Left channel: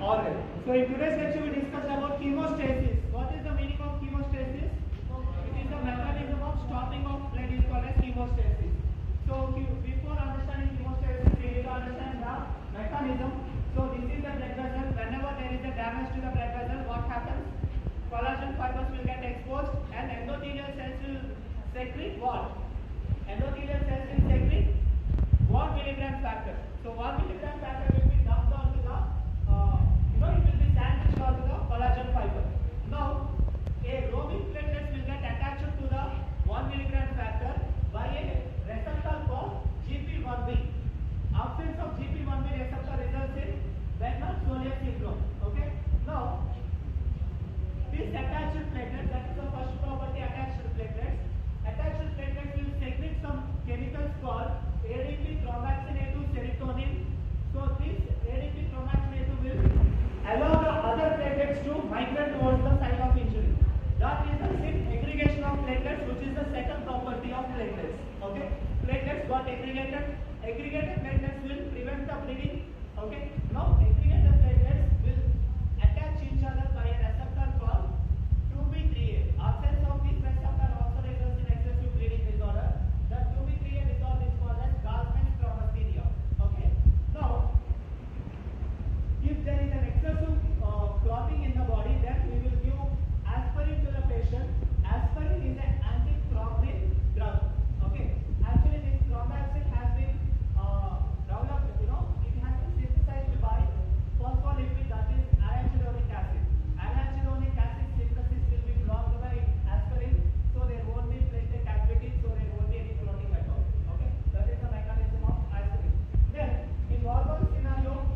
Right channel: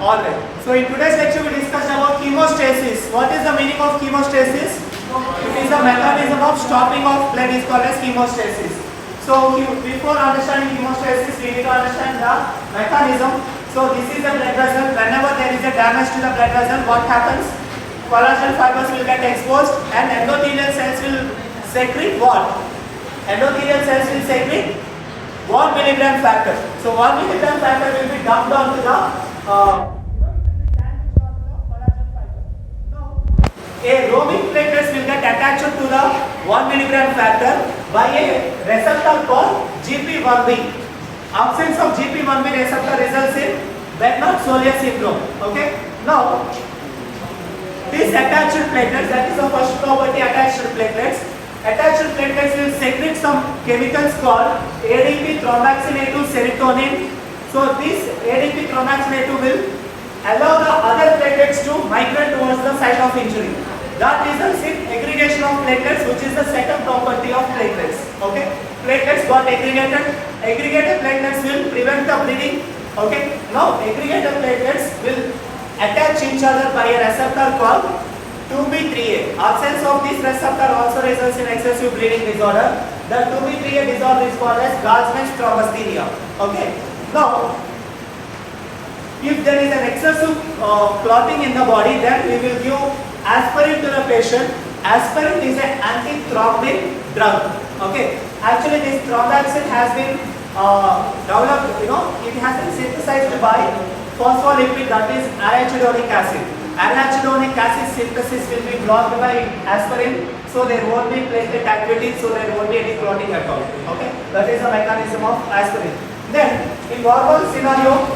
Alright. So in today's lecture we discussed about chemostasis. What is the meaning of chemostasis? It is the mechanism of stopping of blood is called as chemostasis. So before understanding chemostasis, we need to understand the mechanism. So this is the blood vessel. Whenever there is a damage to the blood vessel, what happens? Collagen fibers will get exposed and endothelial cells will secrete what? Endothelial cells will secrete 1 milligram factor. So 1 milligram factor will be dumped onto the it will be sandwiched onto the collagen fiber. Now, a roaming platelets will get attached to the 1 milligram factor by a receptor called GP1B. Absence of GP1B receptor results in Bernard-Soulier syndrome. Okay. Now, these attached platelets, that is the first property, attached platelets. Attached platelets will secrete some chemicals called ADP thromboxane 2 serotonin. So this ADP thromboxane 2 will allow the other platelets to migrate towards the site of injury. That results in aggregation of platelets, which is the second property of platelets. Okay, platelets got aggregated. Aggregated platelets will prevent the bleeding. Okay, now aggregated platelets will attach each other by a receptor called 2B3A. Absence of this receptor also results in excessive bleeding disorder. The 2B3A disorder is called as Gallman's thrombocythemia. Okay. Now, if there is an excessive clotting in the body, then we will give aspirin to the patient. Aspirin is an antithrombotic drug. Okay. Actually, this thromboxane has been developed. It has been synthesized by phospholipid, that is arachidonic acid. Arachidonic acid synthesis will be blocked by aspirin, so there won't be platelet activity, so there won't be any clotting at all. Okay, that is the mechanism of aspirin. Then, in normal scenario,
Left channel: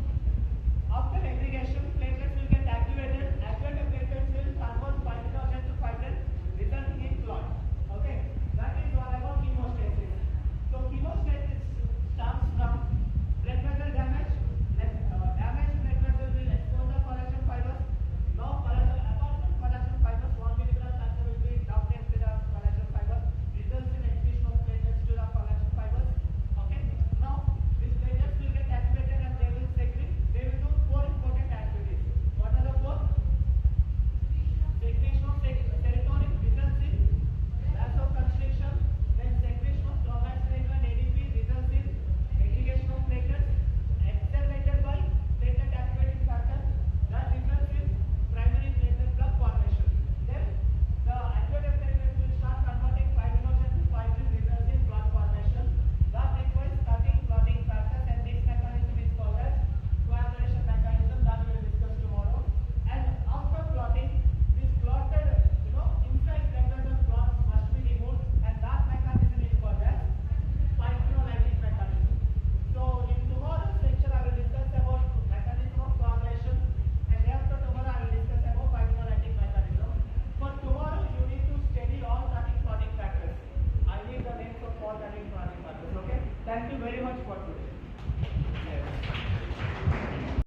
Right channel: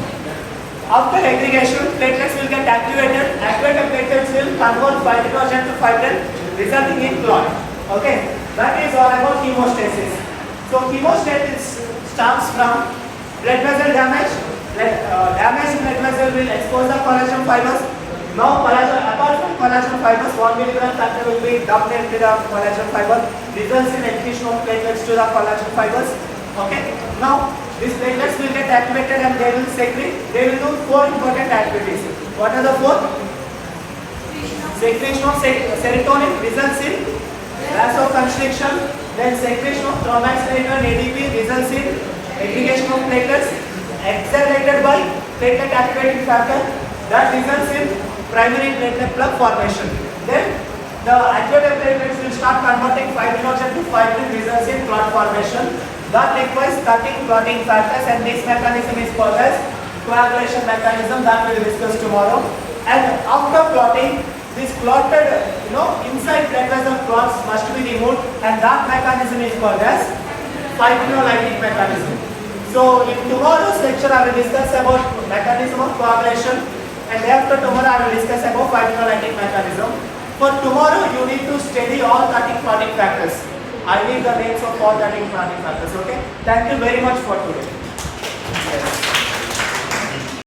after aggregation, platelets will get activated. Activated platelets will convert fibrinogen to fibrin, resulting in clot. Okay, that is all about chemostasis. So, chemostasis starts from blood vessel damage. Damaged blood vessel will expose the collagen fibers. Now, apart from collagen fibers, 1 milligram factor will be dumped into the collagen fiber, results in adhesion of platelets to the collagen fibers. Okay. Now, these platelets will get activated and they will secrete. They will do 4 important activities. What are the 4? Secretion of serotonin results in vasoconstriction. Then secretion of thromboxane and ADP results in aggregation of platelets, accelerated by platelet activating factor, that results in primary platelet plug formation. Then the activated platelets will start converting fibrinogen to fibrin, results in clot formation. That requires cutting clotting factors, and this mechanism is called as coagulation mechanism, that we will discuss tomorrow. And after clotting, this clotted, inside blood vessel clots must be removed, and that mechanism is called as fibrinolytic mechanism. So in tomorrow's lecture I will discuss about mechanism of coagulation, and after tomorrow I will discuss about fibrinolytic mechanism. For tomorrow you need to study all 13 clotting factors. I need the names of all 13 clotting factors. Okay. Thank you very much for today.